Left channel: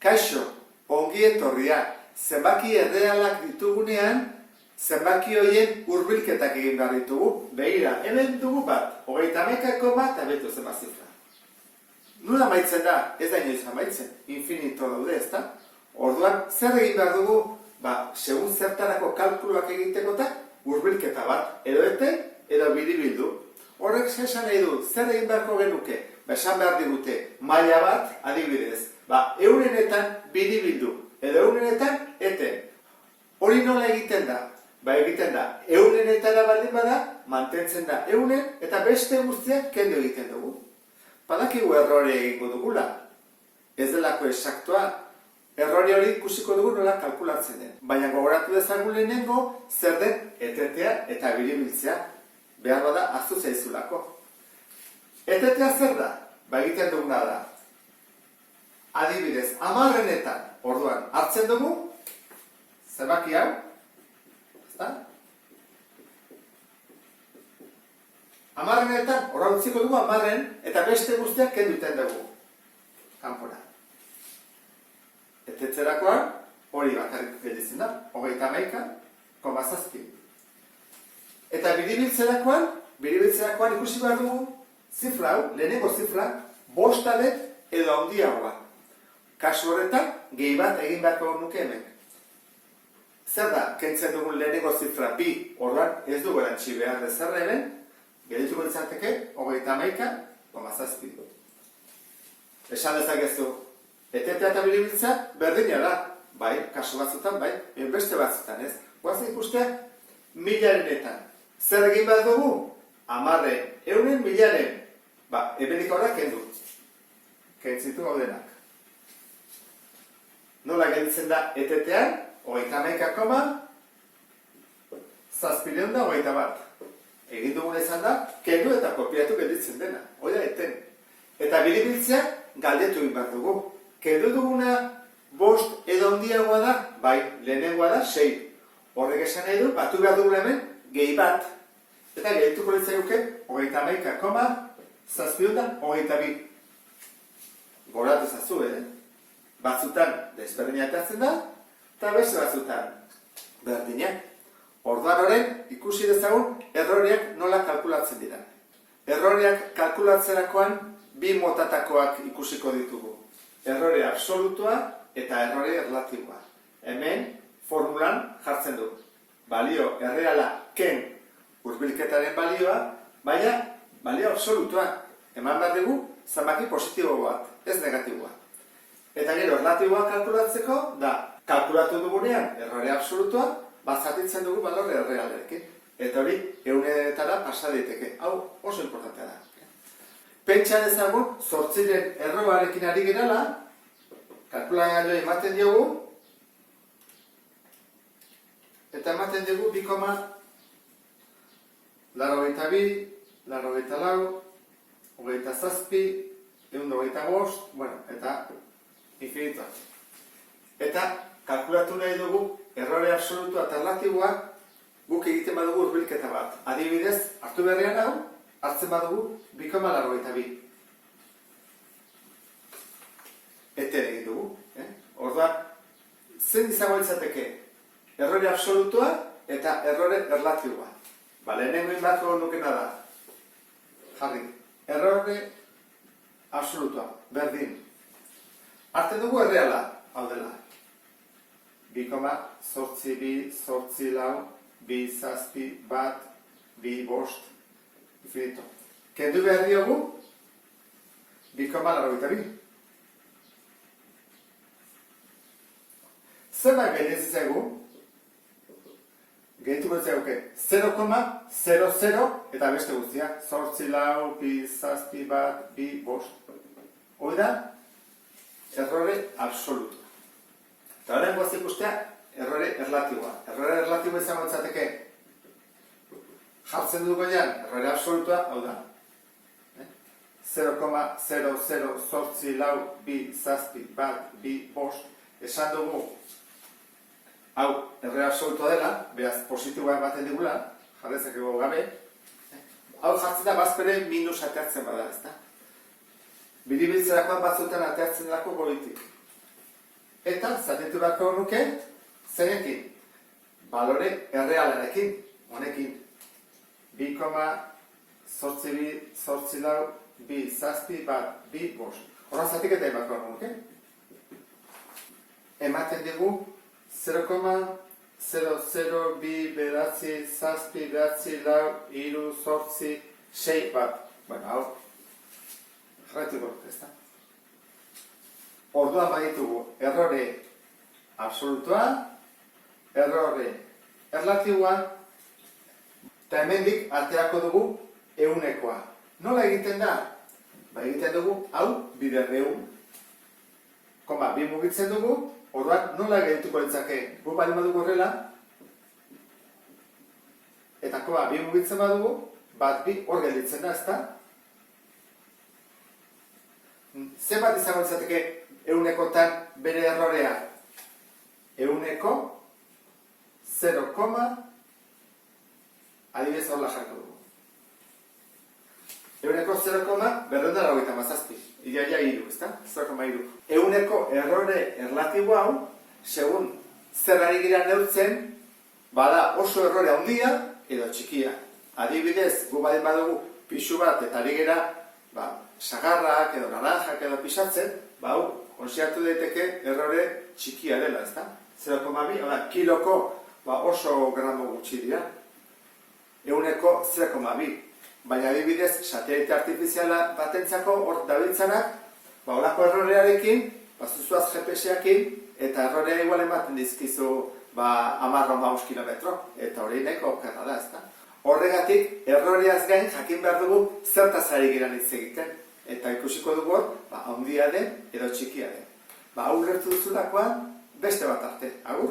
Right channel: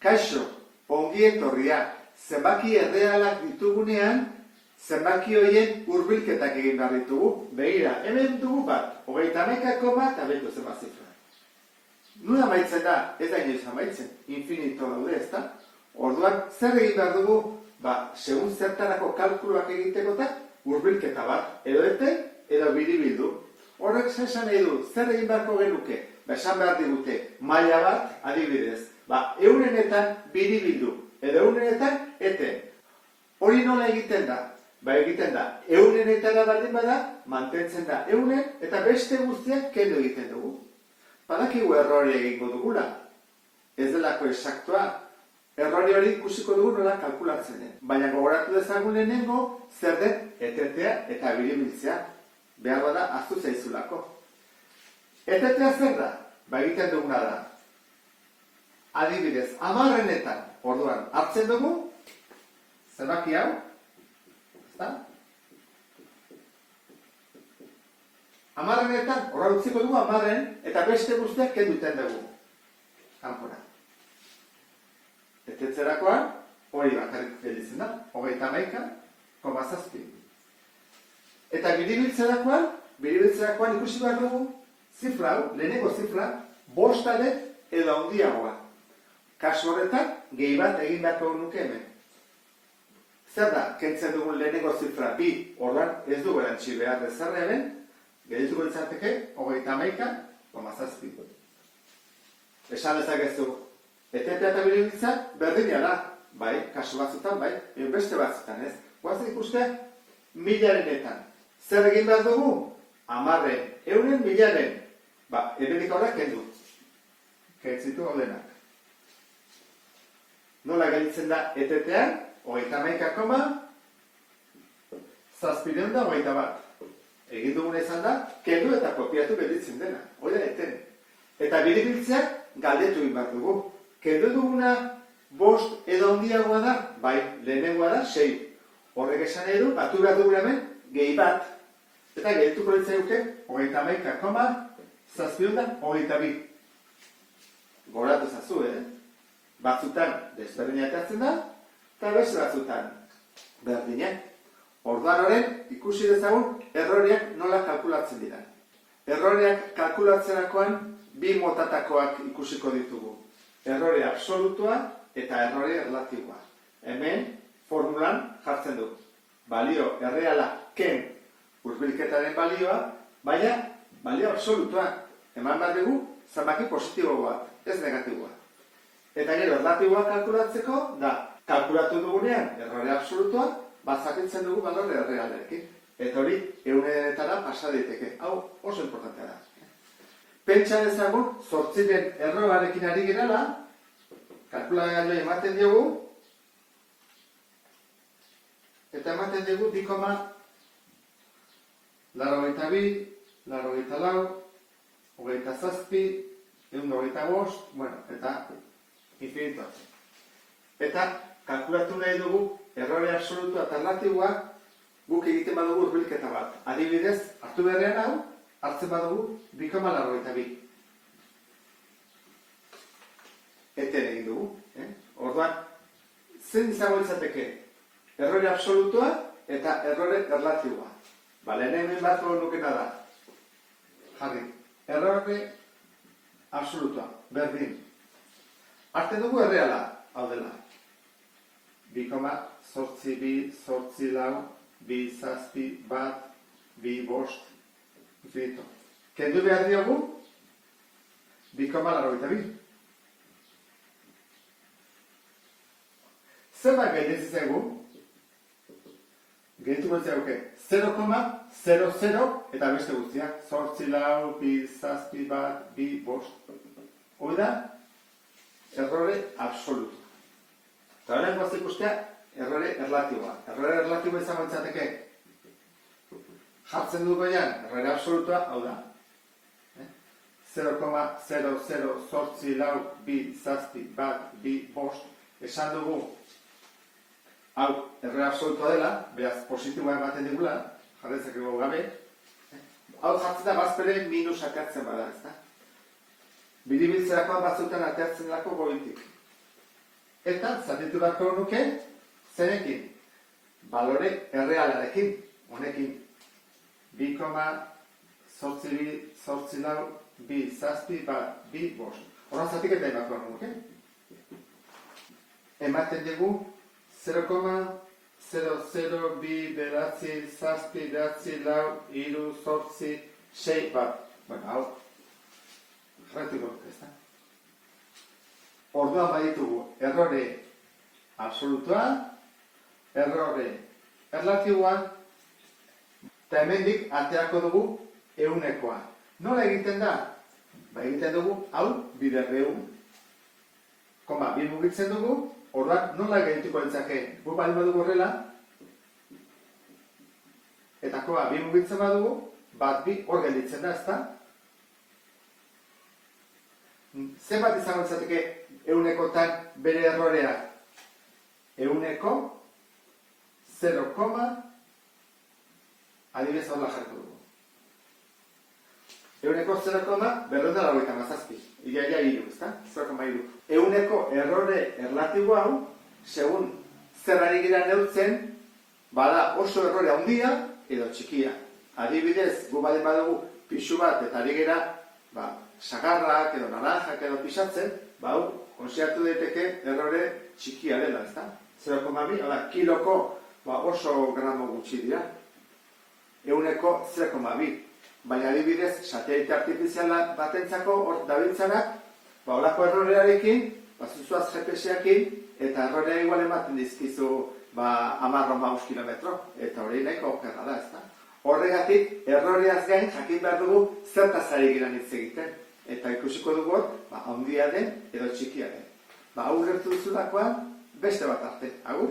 Kaixo, ongi etorria, zenbaki errealak ditugunean, zenbaki horien hurbilketak egin behar ditugu. Begira, hemen dugu bat, 31 bat, abetu zenbat zifra. Nula amaitzen da, ez da inoiz amaitzen, infinito daude, ezta? Orduan, zer egin behar dugu, segun zertarako kalkuluak egitekotak, hurbilketa bat, edo eten, edo biribildu. Horrek esan nahi du, zer egin beharko genuke? Esan behar digute, maila bat, adibidez, eurenetan biribildu, edo eurenetan eten. Hori nola egiten da? Egiten da, eurenetara baldin bada, mantentzen da euren, eta beste guztiak kendu egiten dugu. Badakigu errore egingo dugula. Ez delako esaktua, errori hori ikusiko dugu nola kalkulatzen den. Baina gogoratu dezagun lehenengo, zer den etetea eta biribiltzea. Behar bada, ahaztu zaizulako. Etetea zer da? Egiten duguna da. Adibidez, 10etan, orduan, hartzen dugu, zenbaki hau, ezta? 10etan, horra utziko dugu 10, eta beste guztiak kenduten dugu. Kanpora. Etetzerakoan, hori bakarrik gelditzen da, 31,7. Eta biribiltzerakoan ikusi behar dugu, zifra hau, lehenengo zifra, 5 edo handiagoa. Kasu horretan, gehi bat egin beharko nuke hemen. Zer da, kentzen dugun lehenengo zifra 2, orduan ez dugu erantzi behar dezarra hemen, geldituko ditzateke, 31,7. Esan dezakezu, etetea eta biribiltza berdina da, bai, kasu batzutan, bai, beste batzutan ez. Guazen ikustea, 1000-etan. Zer egin behar dugu? 10, 100, 1000. Hemenik horrak kendu. Kentzitu gaudenak. Nola gelditzen da etetean? 31,721. Egin dugun ezan da, kendu eta kopiatu gelditzen dena. Hoi da, eten. Eta biribiltzea galdetu egin behar dugu. Kendu duguna 5 edo handiagoa da? Bai, lehenengoa da 6. Horrek esan nahi du, batu behar dugun hemen, gehi bat. Eta geldituko litzaioke 31,722. Goratu zazu, Batzutan desberdina atatzen da, eta beste batzutan berdinak. Orduan horren, ikusi dezagun, erroreak nola kalkulatzen dira. Erroreak kalkulatzerakoan 2 motatakoak ikusiko ditugu. Errore absolutua eta errore erlatiboa. Hemen, formulan jartzen du. Balio erreala ken hurbilketaren balioa, baina balio absolutua. Eman behar dugu, zenbaki positibo bat, ez negatiboa. Eta gero, erlatiboa kalkulatzeko, da, kalkulatu dugunean, errore absolutua, zatitzen dugu balore errealerekin. Eta hori, 100etara pasa daiteke. Hau oso importantea da. Pentsa dezagun, 8 erroarekin ari gerala, kalkulagailu ematen diogu, eta ematen diogu 2,82, 84, 27, 125, eta infinitoa. Eta kalkulatu nahi dugu errore absolutua eta relatiboa guk egiten badugu hurbilketa bat. Adibidez, hartu beharrean hau, hartzen badugu 2,82. Eten egin dugu. Orduan, zen izango izateke errore absolutua eta errore relatiboa. Lehenengo inbatu nukena da. Jarri, errore absolutua, berdin. Hartzen dugu erreala, hau dela. 2,82, 8, 2, 7, 1, 2, 5, infinito. Kendu behar diogu, 2,82. Zenbat gehiatzen zaigu, gehituko zaigu 0,00 eta beste guztiak, 8, 2, 7, 1, 2, 5. Hoi da, errore absolutu. Eta horren guazik ikustea, errore erlatiboa. Errore erlatiboa izango izateke, jartzen dugu goian, errore absolutua, hau da. 0,0082, esan dugu, hau, errore absolutua dela, beraz, positiboa ematen digula, jarrezakego gabe. Hau jartzen da, bazpere minus ateatzen bada, ez da? Biribiltzerakoan batzutan ateatzen delako goitik. eta zatitu beharko nuke zeinekin? Balore errealarekin, honekin. 2,842,2,7,2,5. Horra zatik eta emakor nuke. Ematen dugu 0,002,7,2,3,4,6 bat. Bueno, hau, jarraituko, ez da? Orduan baditugu errore absolutoa, errore erlatiboa, eta hemendik aterako dugu ehunekoa. Nola egiten da? Ba, egiten dugu, hau, bider ehun. Koma, bi mugitzen dugu, orduan nola egituko litzake? Gu bali badugu horrela, eta koma, bi mugitzen badugu, bat bi hor gelditzen da, ezta? Zenbat izango litzateke ehunekotan bere errorea? Ehuneko 0, adibidez horla jarko dugu. Ehuneko 0,497. Iaia hiru, ezta? 0,3. Ehuneko errore erlatibo hau, segun zer ari gira neurtzen, bada oso errore handia edo txikia. Adibidez, gu badin badugu pixu bat eta ari gira, sagarrak edo naranjak edo pixatzen, hau, konsideratu daiteke errore txikia dela, ezta? 0,2, kiloko oso gramo gutxi dira. Ehuneko 0,2. Baina adibidez, satelite artifiziala batentzako hor dabiltzanak, holako errorearekin, zuzuaz GPS-eakin, eta errorea igual ematen dizkizu 10-15 kilometro, eta hori nahiko okerra da, ezta? Horregatik, erroreaz gain jakin behar dugu zertaz ari giran hitz egiten, eta ikusiko dugu hor, handia den edo txikia den. Hau lertu duzulakoan, beste bat arte, agur?